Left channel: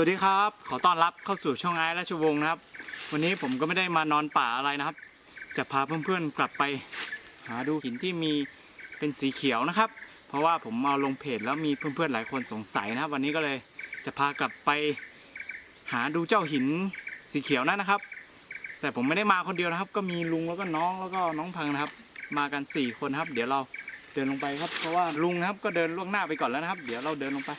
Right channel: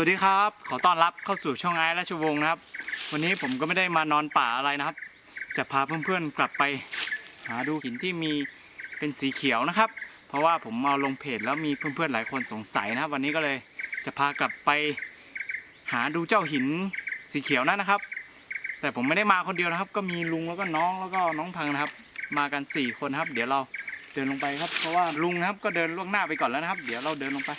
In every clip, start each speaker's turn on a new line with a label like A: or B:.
A: วัสดีครับ ขอต้อนรับเข้าสู่ช่องไอ้ราชวงศ์นะครับ วันนี้ผมก็ไม่ได้มานอนป่าอะไรนะครับ จะพาเพื่อนๆกลับไป หาดูหินที่มีเป็นสีเขียวนะครับ เพราะว่าผมเอาลงเพจแล้วมีเพื่อนๆหลายคนสงสัยนะครับ วันนี้ก็เลยจะพากลับไป หาดูเจ้าหินสีเขียวนั่นนะครับ แต่ผมไม่ได้มาคนเดียวนะครับ ก็มีลุงแล้วก็น้องแล้วก็น้องพังนะครับ มากันสี่คนครับ เดี๋ยวเราเดินลงไปครับ เพราะว่าลุงนะครับก็เดินล่วงหน้าไปก่อนแล้วนะครับ เดี๋ยวเราเดินลงไป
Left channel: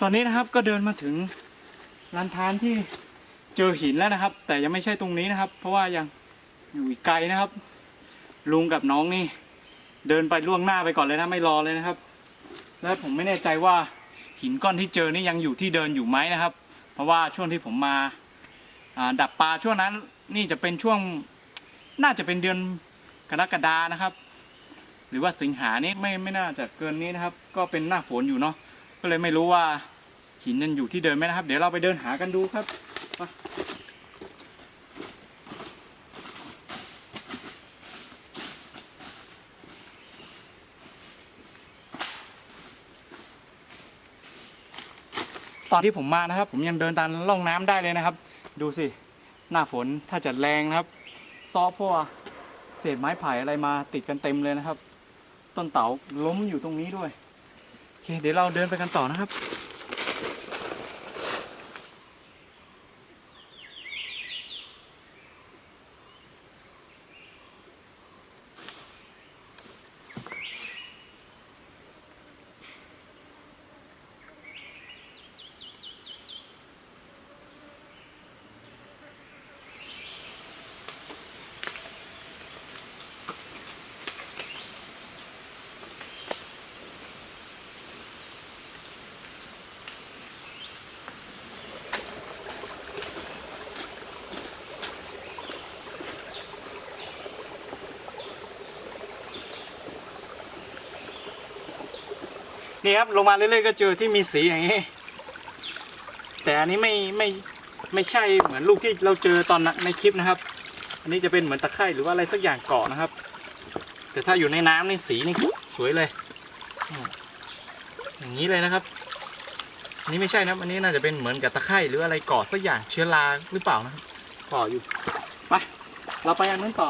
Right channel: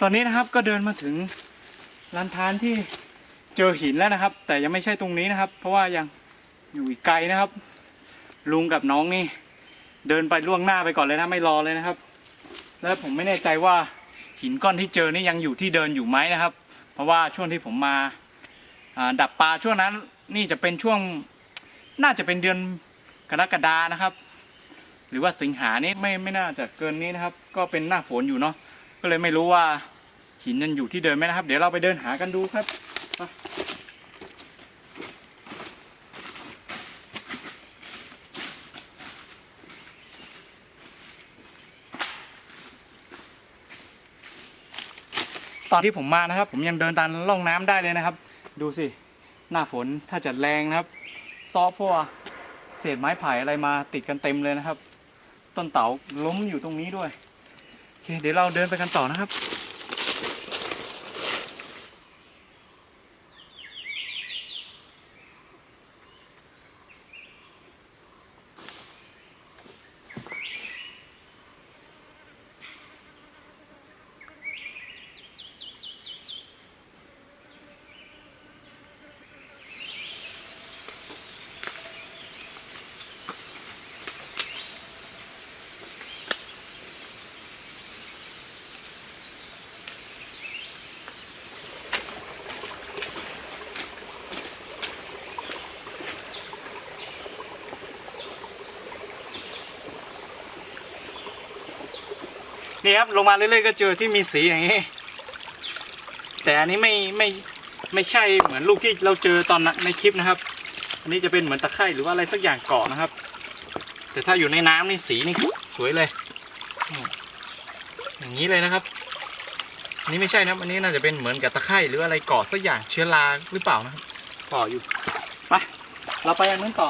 A: ตอนนี้นะครับก็เดินมาถึงลานทานที่เจอหินแล้วนะครับ แต่ยังไม่ใช่ตรงนี้นะครับ เพราะว่ายังอยู่อีกไกลนะครับ ลุงกับน้องนี่ เดินไปล่วงหน้าไปก่อนเลยนะไม่รอเลยนะครับ แล้วผมไม่แน่ใจว่าหินก้อนที่เจอนี่ยังอยู่ที่เดินอยู่ไหมนะครับ เพราะว่าช่วงที่ผมมาอ่าดับปลาช่วงนั้นนี่จะเป็นช่วงน่าจะเป็นเดือนกรกฎานะครับ หรือว่าสิงหานี่ไม่ไม่น่าจะเกินนี้นะครับ ก็เป็นหน้าฝนอยู่เนาะ ก็เลยไม่รู้ว่าหินยังอยู่ที่เดิมไหมนะครับ เดี๋ยวเราไปเดินหากันดูครับตอนที่ผมมานะครับ ผมยังเดินตามร่องน้ำได้เลยนะครับ ดูสิ หน้าฝนถ้าจะแรงนะครับ ซอเพราะว่าเศษไม้ไผ่อะไรมาติดกันเต็มเลยนะครับ ต้นเต๋าล้มอยู่ตรงนี้ด้วย เคเดี๋ยวเราเดินไปกันต่อนะครับ นี่ครับลงมาเรื่อยๆก็เจอที่มีสีอย่างนี้ แต่อันนี้ไม่ไม่ไม่ใช่เหมือนลูกที่เราเจอตอนในคลิปนะครับ อันนี้จะเป็นเหมือนตะไคร่หรือว่าอะไรสักอย่างเกาะนะครับ แต่ถ้าอยู่ในน้ำนี่สีนี่สวยเลย อย่างนี้เลยนะครับอันนี้ไม่ใช่นะครับอันนี้น่าจะเป็นเหมือนกับตะไคร่หรืออะไรเกาะสักอย่างเชื้อราหรือเปล่านะครับเกาะอยู่ไปเราไปอันนู้นต่อ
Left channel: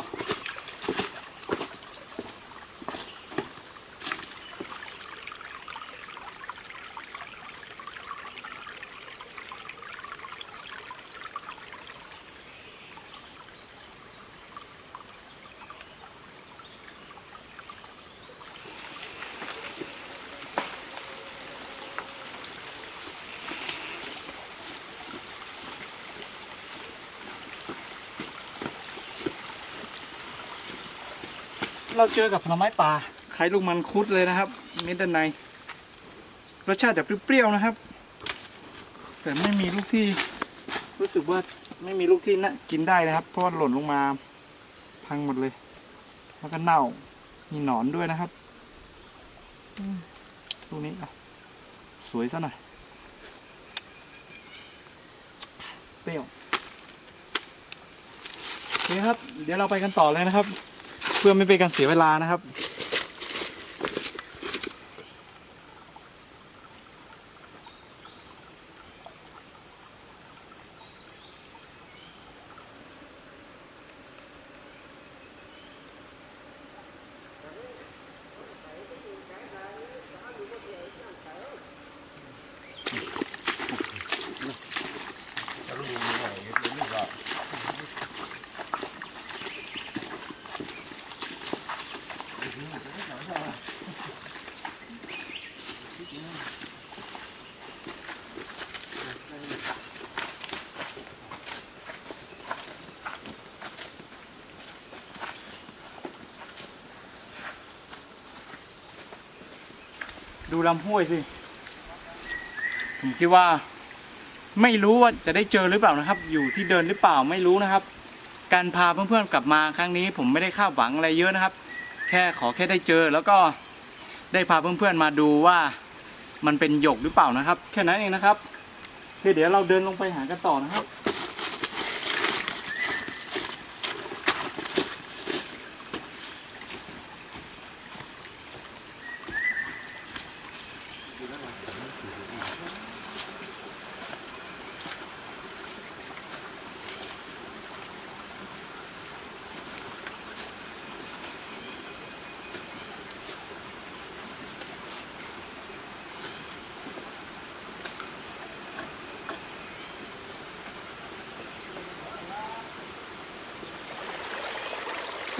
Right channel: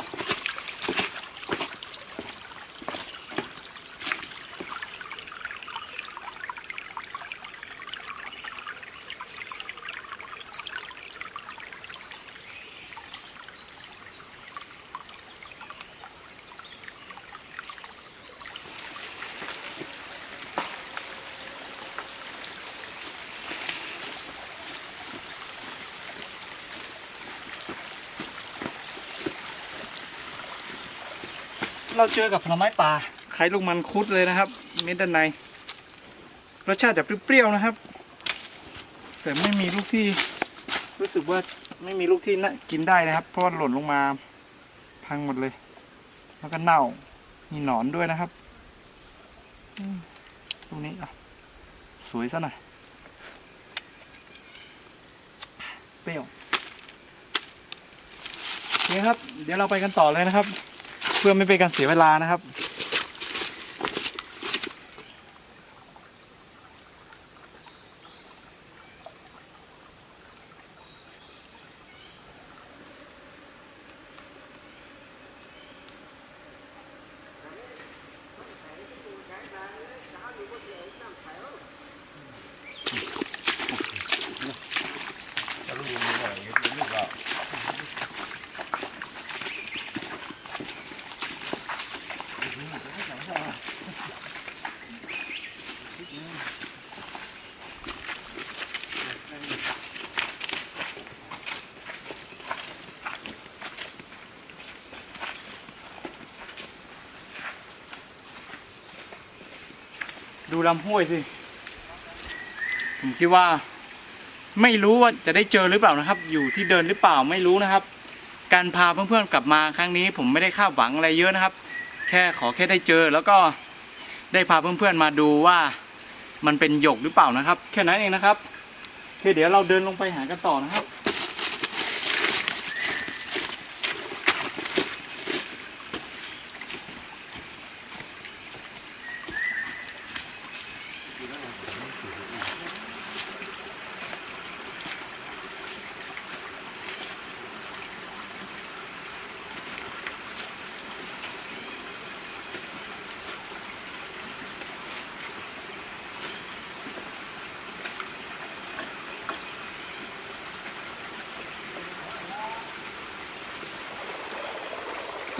A: เราเจอกับผลไม้ป่าไข่ลูกมันคุดเลยนะครับ เม็ดด้านใน รสชาติจะเปรี้ยวๆนะครับ แต่ไม่มีลูกที่รู้สึกว่าไม่มีลูกที่น่ากินได้นะครับ เพราะว่าหล่นลงมาพังหมดเลย แล้วก็เน่า มีหนอนด้วยนะครับลูกนี้อะสวยซะหน่อยเปรี้ยวโอเคครับ เดี๋ยวเราไปกันต่อเลยนะครับ เพื่อไม่เป็นการเสียเวลานะครับ ดูลำห้วยสิ ผมคิดว่า ไม่รู้ว่าจะได้เจอหรือเปล่านะครับ อยู่ที่เดินหรือเปล่าไม่รู้นะครับ การพาเพื่อนๆกลับมาครั้งนี้ ผมไม่ได้คาดหวังอะไรเยอะนะครับ แค่ขอแค่ได้เจอแล้วก็ได้พาเพื่อนๆมาดูว่ามันเป็นหยกหรือเปล่านะครับ แค่นั้นเองนะครับเดี๋ยวเราเดินลงไปหากันต่อนะครับ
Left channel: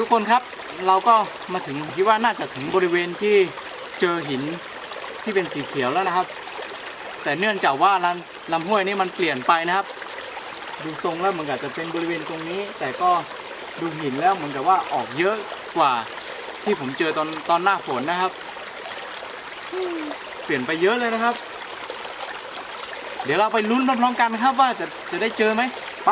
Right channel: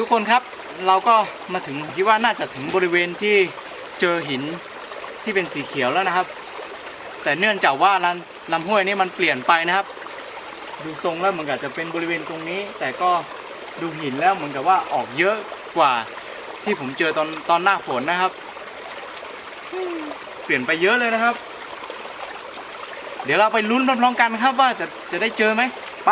A: ทุกคนครับเราก็มาถึงคิดว่าน่าจะถึงบริเวณที่เจอหินที่เป็นสีเขียวแล้วนะครับ แต่เนื่องจากว่าลำลำห้วยนี้มันเปลี่ยนไปนะครับ ดูทรงแล้วเหมือนกับจะเป็นบริเวณตรงนี้ แต่ก็ดูหินแล้วเหมือนกับว่าออกเยอะกว่าที่ผมเจอตอนตอนหน้าฝนนะครับ เปลี่ยนไปเยอะเลยนะครับ เดี๋ยวเราไปลุ้นพร้อมๆกันครับว่าจะจะได้เจอไหมไป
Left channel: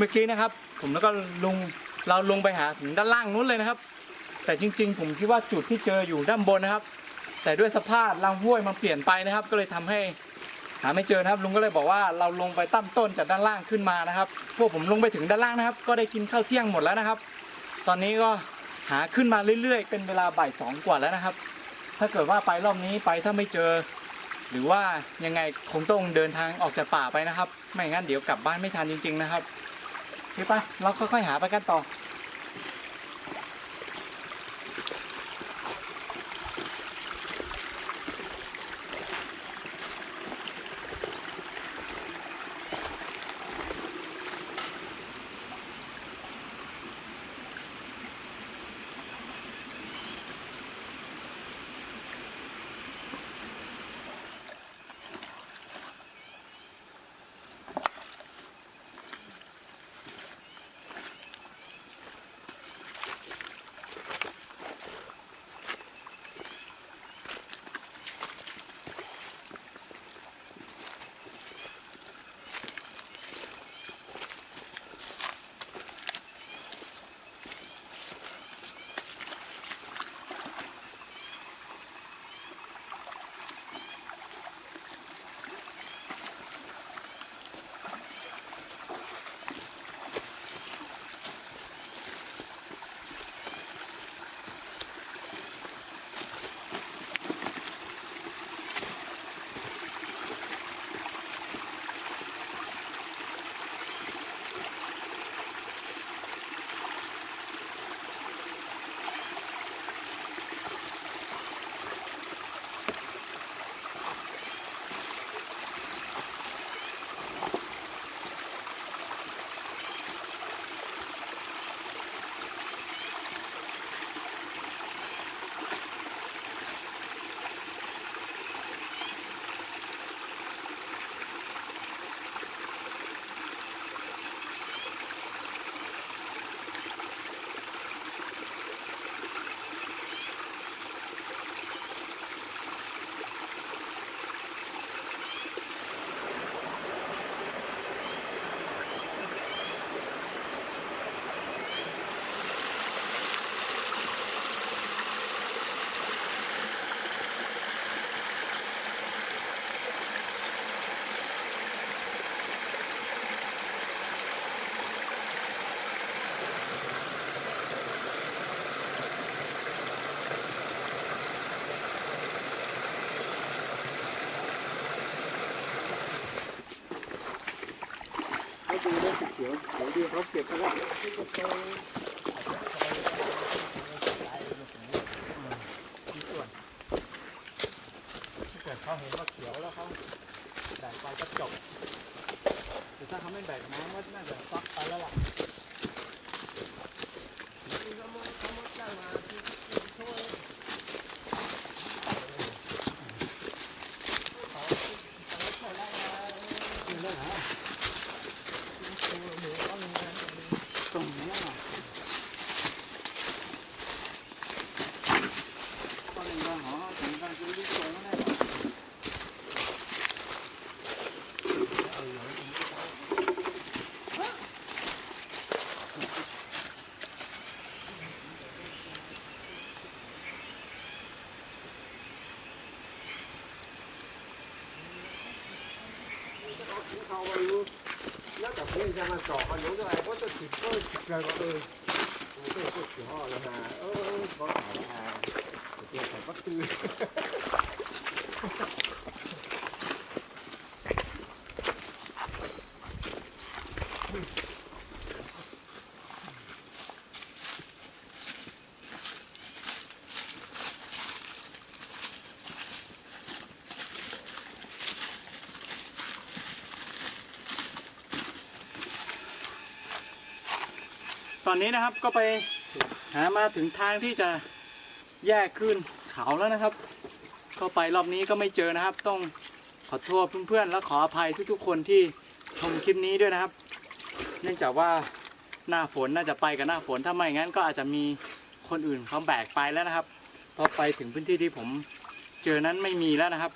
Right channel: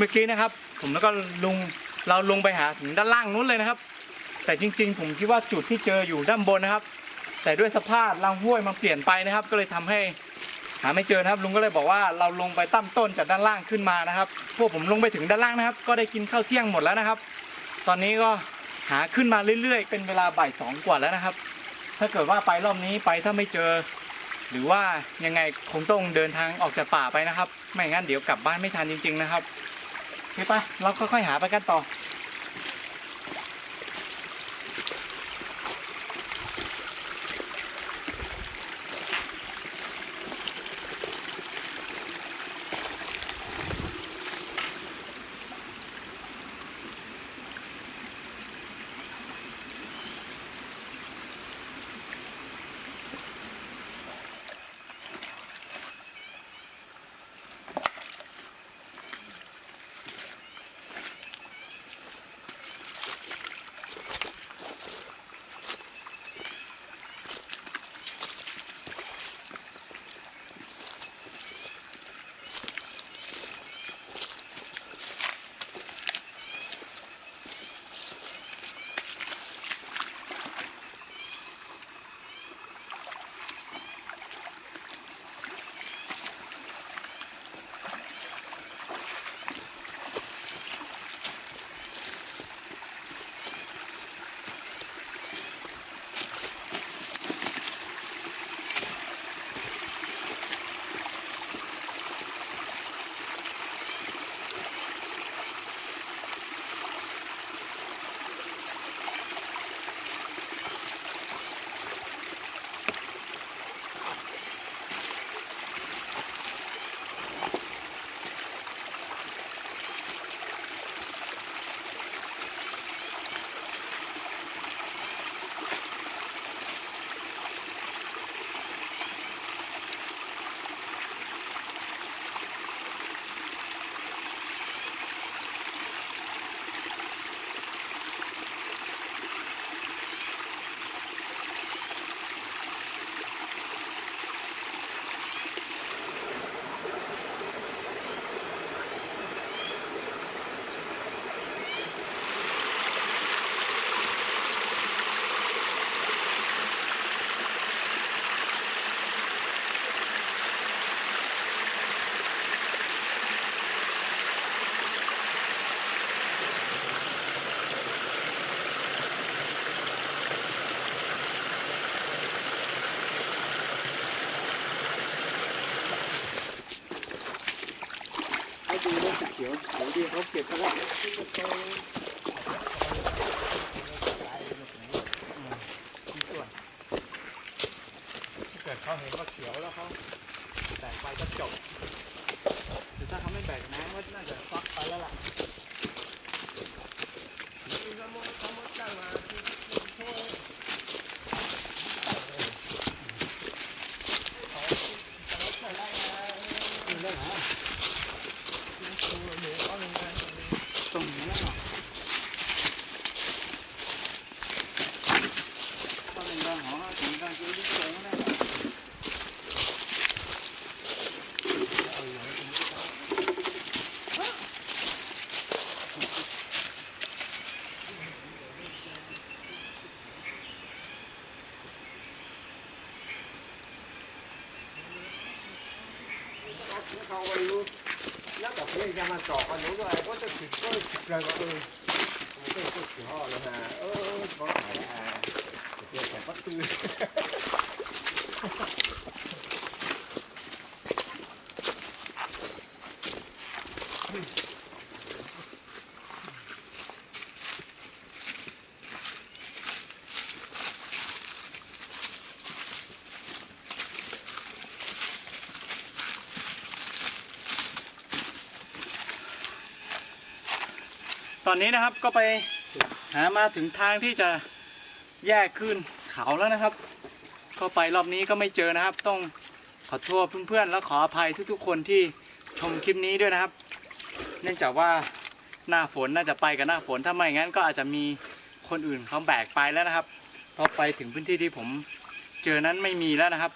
A: มื่อกี้นะครับ ผมแล้วก็ลุงเราลงไปหาถึงด้านล่างนู้นเลยนะครับ แต่จริง ๆ ผมคิดว่าจุดที่เจออยู่ด้านบนนะครับ แต่ด้วยสภาพลำห้วยมันเปลี่ยนไปนะครับ ก็เลยทำให้หาไม่เจอนะครับลุงก็เลยบอกว่าเราลงไปตั้มต้นจากด้านล่างขึ้นมานะครับ พวกผมลงไปถึงด้านล่างนะครับ ก็ได้กินข้าวเที่ยงหมดแล้วนะครับ ตอนนี้ก็หาขึ้นมาเรื่อย ๆ เป็นเวลาบ่ายสองกว่าแล้วนะครับ ถ้าเกิดว่าไปรอบนี้ไปถ้าไม่เจอ หรือว่ายังไงคงต้องเดินทางออกจากป่าไปนะครับ ไม่งั้นเดี๋ยวกลับบ้านไม่ทันจริง ๆ นะครับ โอเคไปเราค่อยๆหาไปกันต่อ
B: เกิ
A: ดเขาเห็นว่าเขียวแล้วเขาแบกไปก็จบแต่ถ้าเขาไม่แบกน้ำก็น่าจะฟักไปแล้วละนี่ก็มดเขามาช่วย
B: เขาไปรู้แล้วแต่เพื่อนจะมาสอบกันรู้ด้วยก็จะติดก็เลยก็เออมันก็พูดถึงห่อแล้วฮะเออเขาถ่ายอะเดี๋ยวเขาก็ตื่น
A: อนนี้นะครับก็ไปหามาถึงทางที่จะแยกขึ้นเขาแล้วนะครับ ก็ไปรอบนี้ก็ไม่เจอนะครับ ต้องขอโทษเพื่อนๆ และขออภัยทุกๆ คนที่ชมคลิปนี้ด้วยนะครับ เนื่องจากว่าหน้าฝนน่าจะไปกับหน้าฝนถ้าไม่งั้นก็อาจจะมีคนอื่นเขาแบกไปแล้วนะครับพอไปถึงพื้นที่ที่ผมเจอนั้นไม่มีแล้วนะครับ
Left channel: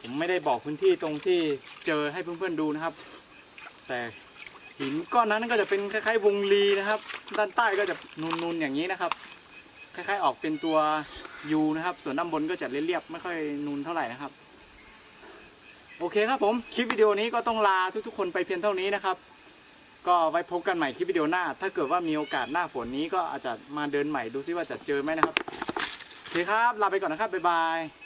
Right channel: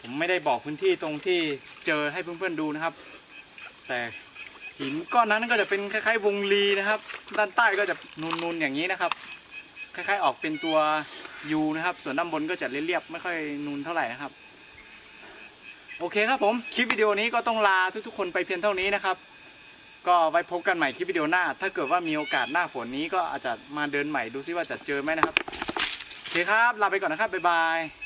A: ผมไม่ได้บอกพื้นที่ตรงที่เจอให้เพื่อนๆดูนะครับ แต่ หินก้อนนั้นก็จะเป็นคล้ายๆวงรีนะครับ ด้านใต้ก็จะนูนๆอย่างนี้นะครับ คล้ายๆออกเป็นตัวยูนะครับ ส่วนด้านบนก็จะเรียบๆไม่ค่อยนูนเท่าไหร่นะครับ โอเคครับผมคลิปวิดีโอนี้ก็ต้องลาทุกๆคนไปเพียงเท่านี้นะครับ ก็ไว้พบกันใหม่คลิปวิดีโอหน้า ถ้าเกิดว่ามีโอกาสหน้าฝนนี้ก็อาจจะมาเดินใหม่ดูซิว่าจะเจอไหมนะครับโอเคครับลาไปก่อนนะครับบ๊ายบาย